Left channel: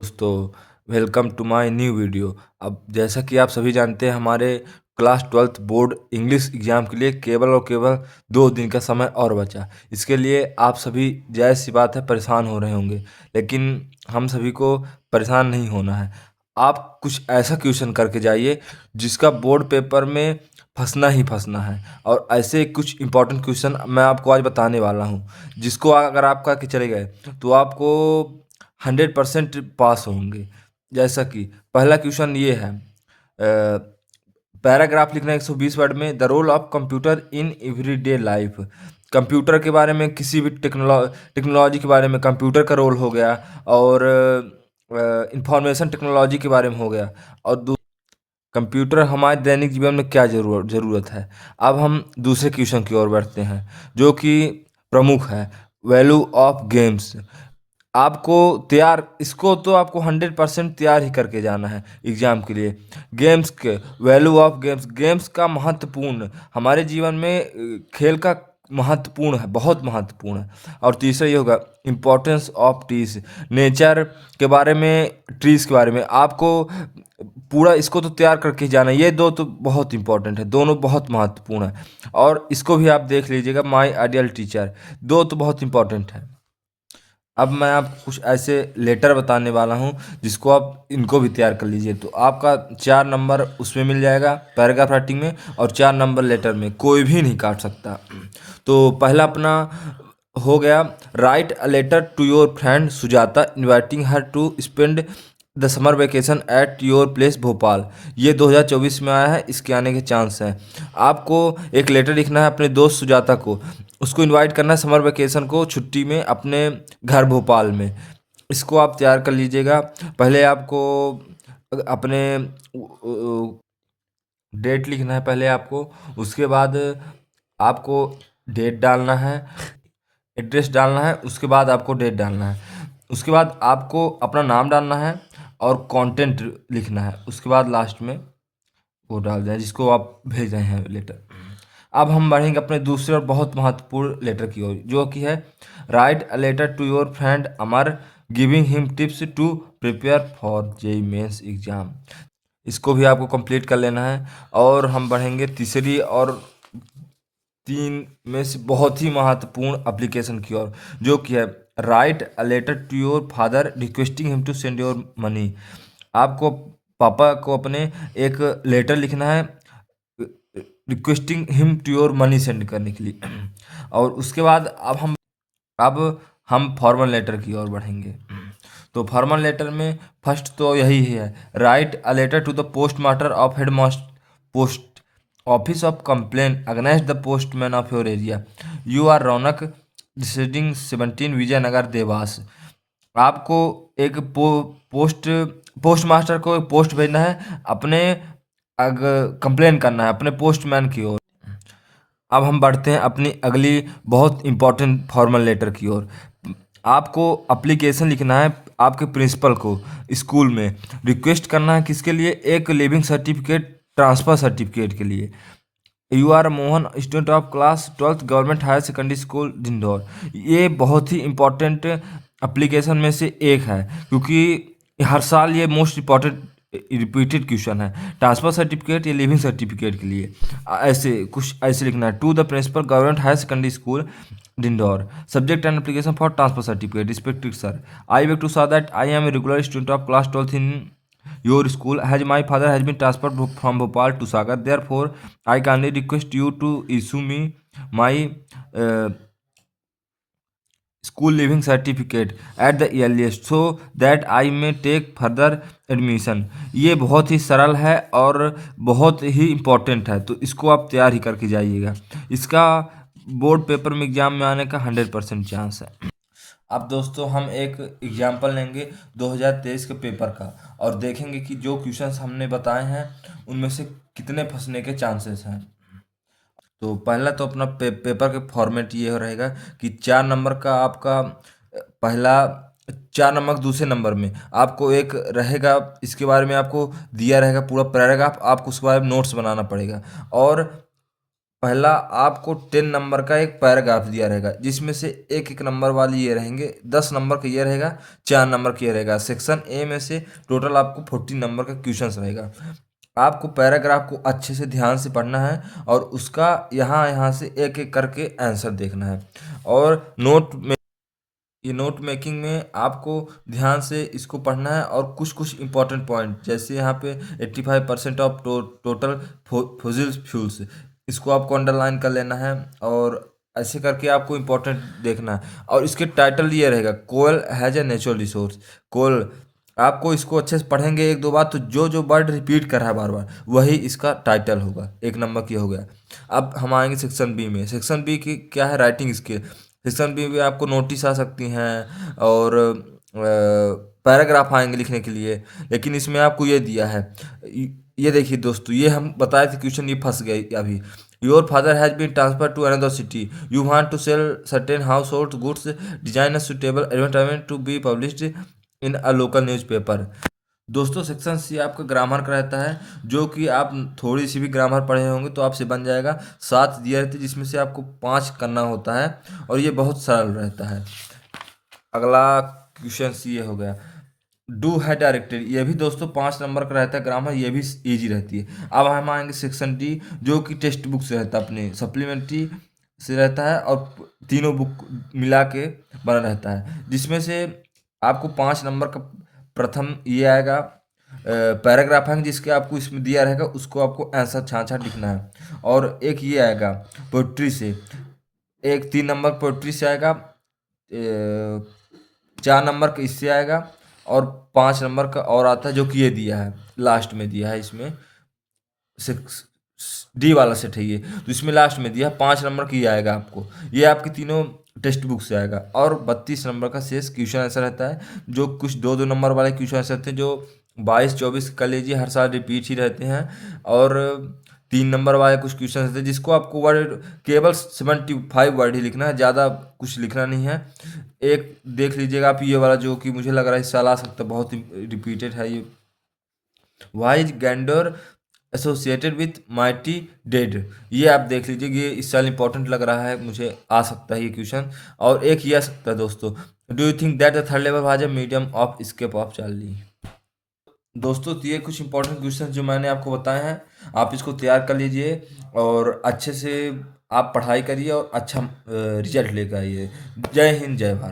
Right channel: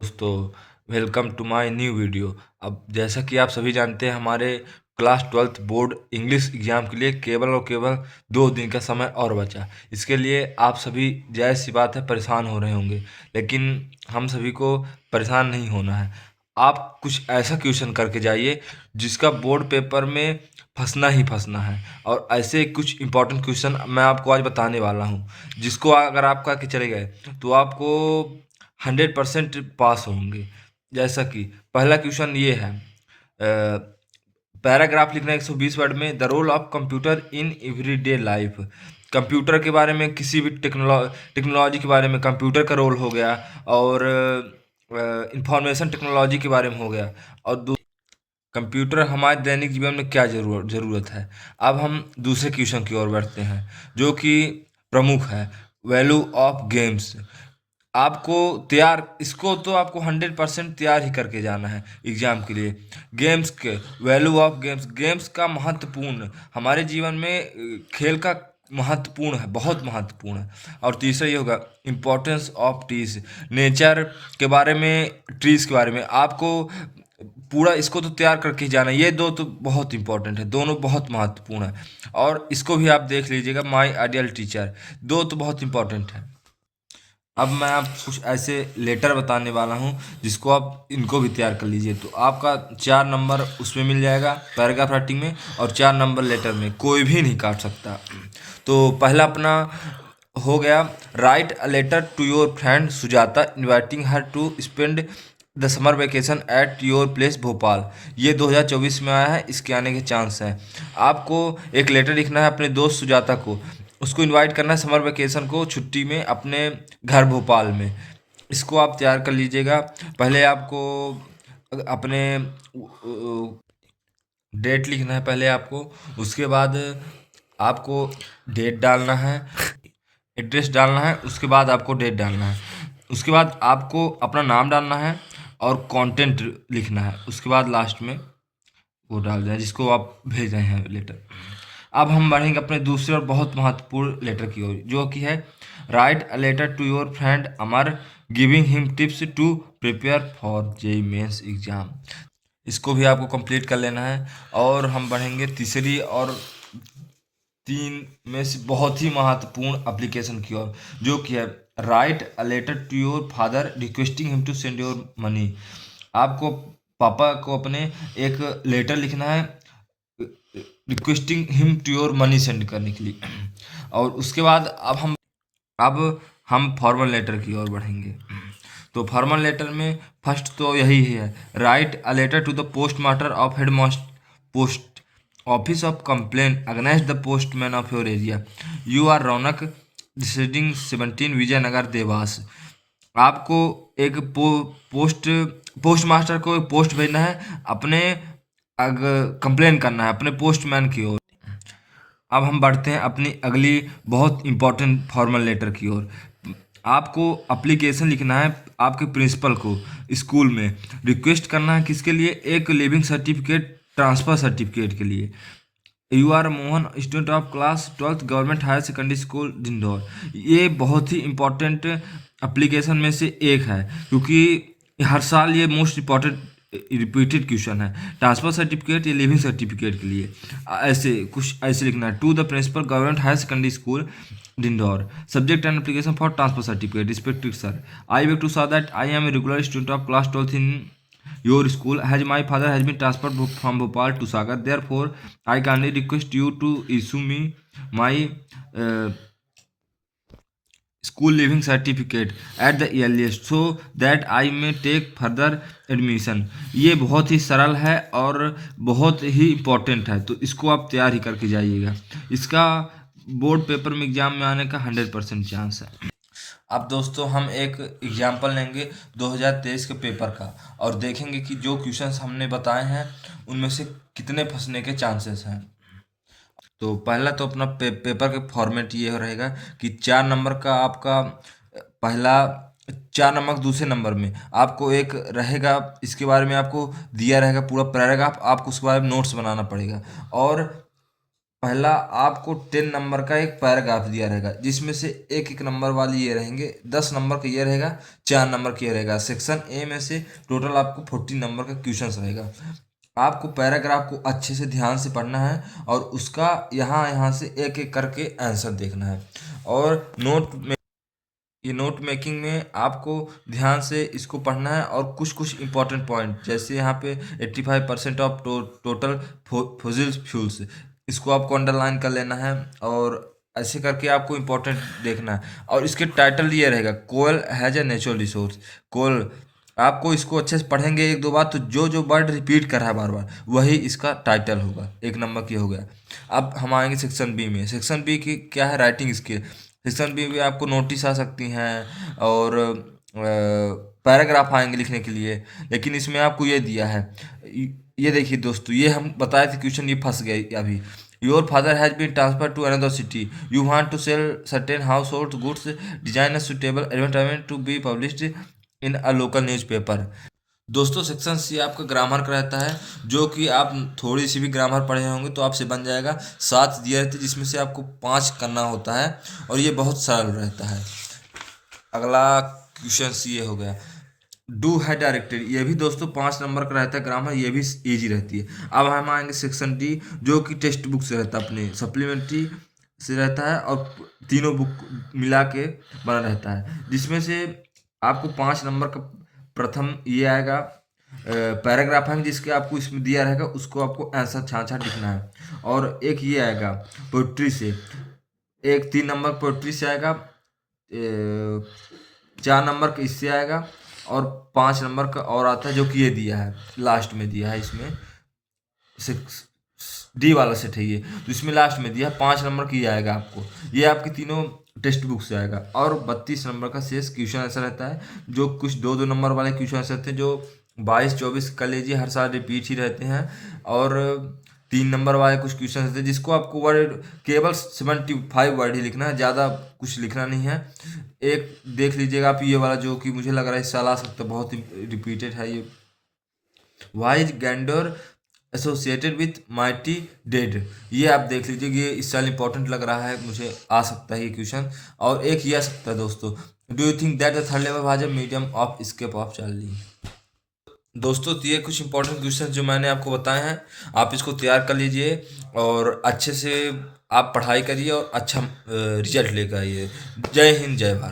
दोस्तों, welcome to my new video. अब जैसा कि आप सभी जानते हैं, हमारे class 12th board English exam के लिए केवल और केवल 2 दिन का समय और बचा। इसके लिए आप सभी जायज़ सी बात है परेशान हो रहे होंगे, लेकिन हम सभी को परेशान नहीं होना है। आप कुछ ऐसा क्वेश्चन करके जाइए जिसका बोर्ड पेपर में फंसना ही फंसना है, और ऐसे कुछ इंपॉर्टेंट क्वेश्चन मैं आपको आज बताने वाला हूँ, जिसको अगर आप करके चले गए तो आपको 100% पास होंगे। जैसा कि पहला क्वेश्चन ये है, पैराग्राफ लिखना है 120 वर्ड में। The role of computer in everyday life. Computer के बारे में, किसी भी टेक्नोलॉजी के बारे में कंप्यूटर का रोल हो गया, और इंफॉर्मेशन टेक्नोलॉजी के बारे में हो गया, और कंप्यूटर हमारे दैनिक जीवन में क्या ज़रूरत है। अब हम दूसरे क्वेश्चन की ओर बढ़ते हैं, जो कि प्रमुख है, वैल्यू ऑफ गेम्स। आपको तैयार, इसको तो आपको 100% तैयार ही करके जाना है एग्जाम के लिए। गेम्स के वैल्यू ऑफ गेम्स, गेम्स का महत्वपूर्ण हमारे जीवन में, खेल का महत्वपूर्ण है, बहुत महत्वपूर्ण है। और तीसरा ये होगा इम्पोर्टेंस ऑफ ट्रीज, नेचर के बारे में, ट्रीज के बारे में आपको पूरा इसको तो तैयार करके ही जाना है। ये दो तो बहुत इंपॉर्टेंट है, दोनों बहुत महत्वपूर्ण है, और इसको भी आप देख लीजिएगा। माई आइडियल टीचर, दो तो बहुत इंपॉर्टेंट है। अब मैं आप कुछ ऐसे लेटर बताने वाला हूँ जिसको आप इनको भी तैयार कर लीजिए, तो आपका 4 नंबर उसमें मिल जाएगा पैराग्राफ राइटिंग में, और 4 नंबर लेटर में, कोई भी नहीं काट सकता। तो पहला अपना हो गया, write a letter to your friend Sujata inviting her to spend the summer vacation at your place Bhopal. ये 2024 में आया है, इसके आने के चांस हैं। आपको एक लेटर लिखना है अपने दोस्त सुजाता को, उसको इनवाइट करना है समर वेकेशन को, छुट्टी में, अपने घर भोपाल में। इसको आप तैयार कर लीजिएगा। पहले आपको अपने डेट लिखना है पहले आपको, उसके बाद आपको डेट डालना है, एड्रेस डालना है, उसके बाद आपको डेट डालना है, उसके बाद आपको अपना नाम डालना है और कंटेंट लिखना है, उसके बाद लास्ट में वो डाल दें जिसको आप भेज रहे हैं लेटर। अब हम बढ़ेंगे अपने दूसरे और बहुत महत्वपूर्ण लेटर की ओर, जो कि है, write a letter to your friend Amar giving him tips to prepare for JEE Mains exam. इसको भी आपको कंप्लीट कर लेना है। और हम बढ़ेंगे तीसरी और 3 में से बहुत ही महत्वपूर्ण एप्लीकेशन की ओर, जो कि है, write a letter to your father requesting him to send your money. आपको पापा को अपने एक लेटर लिखना है requesting him to your money send करने के लिए। और उसके बाद अब हम फॉर्मल लेटर की ओर बढ़ेंगे। तो फॉर्मल लेटर में फर्स्ट तो यही है, write a letter to the post master of head post office of complain against the postman of your area. You are Raunak residing 17 Vijaynagar Dewas. आपको एक पोस्ट मास्टर को एक पोस्ट भेजना है, अपने कंप्लेन करना है अपने पोस्टमैन की ओर। अब हम बढ़ते हैं अपनी अगली बहुत इंपॉर्टेंट फॉर्मल लेटर की ओर। आपको अप्लीकेशन लिखना है आपके प्रिंसिपल को स्कूल में, रिक्वेस्ट करना है किसके लिए, एक लिविंग सर्टिफिकेट ट्रांसफ़र सर्टिफिकेट के लिए। You are Mohan student of class 12th government higher secondary school Indore. ये बहुत ही इम्पोर्टेंट एप्लीकेशन में से एक है, क्योंकि हर साल ये मोस्ट इम्पॉर्टेंट रिपीटेड क्वेश्चन है, ट्रांसफर सर्टिफिकेट या लिविंग सर्टिफिकेट के लिए। ऐसे कुछ ऐसे लिखना है, to the principal government higher secondary school Indore, subject and application for transfer certificate, respected sir, I beg to say that I am a regular student of class 12th in your school, as my father has been transferred from Bhopal to Sagar. Therefore, I kindly request you to issue me my uh, school living certificate at the earliest so that I may take further admission। ये बहुत ही सरल है और बहुत ही important है, तो इसको आप तैयार ही करके जाइएगा। इसका बोर्ड पेपर में एग्जाम में आने का 100% चांस है। अब दोस्तों हम एक एग्जाम्पल लेंगे 2023 के पेपर का, और देखेंगे कि जो क्वेश्चंस हमने बताए हैं उनमें से कितने फंसने के चांसेस हैं। तो पहला तो अपना पेपर के फॉर्मेट ये रहेगा कि 4 नंबर का आपका पहला, 4 नंबर दूसरे नंबर में आपको एक रहेगा, इसके बारे में आपको दिया रहेगा पूरा पैराग्राफ, आपको उसके बारे में नोट्स बनाना पड़ेगा। और पहला आपको 10 नंबर का एक पैराग्राफ दिया रहेगा, जिसमें से एक एक नंबर वाली ये रहेंगे, 10 नंबर का ये रहेगा, 4 नंबर का ये रहेगा। सेक्शन ए में से टोटल आपको 40 नंबर का क्वेश्चन रहेगा। आपको पैराग्राफ को अच्छे से ध्यान से पढ़ना है और उसका यहाँ यहाँ से एक एक करके आंसर देखना है। और ये नोट मेकिंग में आपको ध्यान से इसको पढ़ना है और कुछ कुछ इंपॉर्टेंट पॉइंट, जैसे यहाँ पे 85% ऑफ टोटल फॉसिल फ्यूल्स, इसको आपको अंडरलाइन कर लेना है और ऐसे करके आपको इंपॉर्टेंट देखना है। और इसके टाइटल ये रहेगा, कोयल हैज ए नेचुरल रिसोर्स। कोयल, आपको इसको अच्छे से पढ़ेंगे एक दो बार तो जो जो वर्ड रिपीट कर रहा है बार बार वही इसका टाइटल होगा। एक नंबर की हो गया। अब हम आएंगे सेक्शन बी में। सेक्शन बी की क्या है, राइटिंग स्किल। सेक्शन बी में आपको नोटिस आ सकती हैं और पैराग्राफ आएंगे लिखने के लिए, लेकिन इसमें आपको ये दिया है। ये देखिए दोस्तों, ये हम बताए थे क्वेश्चन, ये फंस गए अभी। Your father has been transfer to another city, you want to sell certain house hold goods, design a suitable advertisement to be published in a local newspaper. दोस्तों सेक्शन सी आपका ग्रामर का रहता है, जो कि आप थोड़ी सी भी ग्रामर पढ़े होंगे तो आपसे बन जाएगा। 7 दिए रहते हैं, जिसमें से आपको 5 करना होता है और ये बहुत सरल रहता है। अगला क्वेश्चन सी ये हो गया, डू है डायरेक्टेड। ये भी दोस्तों 5 नंबर का रहता है ग्रामर, ये भी इजी रहती है। अब हम आएंगे सेक्शन डी, जो कि टेक्स्ट बुक से रहता है, अपने सप्लीमेंट्री से रहता है और तीनों बुक मिला के बना रहता है, जिसमें से आपको 5 नंबर का प्रथम ये आएगा, पैराग्राफ है जिसके आपको इसमें दिया रहेगा, उसको आपको आंसर छाँट छाँट लिखना है। और एक ये आएगा पोइट्री से, एक 3 नंबर पोइट्री से आएगा, 4 नंबर का इससे आएगा और 5 नंबर का और आता है, जो कि ये दिया है लास्ट में दिया है इसमें। सिक्स डी वाला सेट है ये, तो इसमें लास्ट में दिया 5 नंबर की आएगा आपको। ये आपकी तीनों टेक्स्ट बुक से आएगा। और 32 नंबर का शेष क्वेश्चन आंसर रहता है, जो कुछ दो दो नंबर वाले क्वेश्चन आंसर रहते हैं, जो 22-24 कर लीजिए, हर साल रिपीट ही रहते हैं। और 3 नंबर वाले कुछ क्वेश्चन रहते हैं, जिसको आपको वर्ड केवल 75 वर्ड ही लिखना है, ज़्यादा कुछ लिखना नहीं है। एक देख लीजिएगा आप ये वाला, जो कि मुझे लग रहा है इस साल आ सकता है, बहुत ही रिपीटेड है ये। वाई इज गैंडोर एसोसिएटेड विथ माइटी डेड, ये आप देख लीजिए, ये इस साल इंपॉर्टेंट लग रहा है, मुझे आ सकता है ये क्वेश्चन। और एक ये आ सकता है दोस्तों, do you think that the third level has a medium of escape of Charlie. दोस्तों तो ये कुछ इंपॉर्टेंट क्वेश्चन जो मैंने आपको बताए हैं, आप इसको तैयार कर लीजिए और अच्छे से आप पढ़ाई करिए और अच्छा रिजल्ट लेकर आइए। जय हिंद, जय भारत।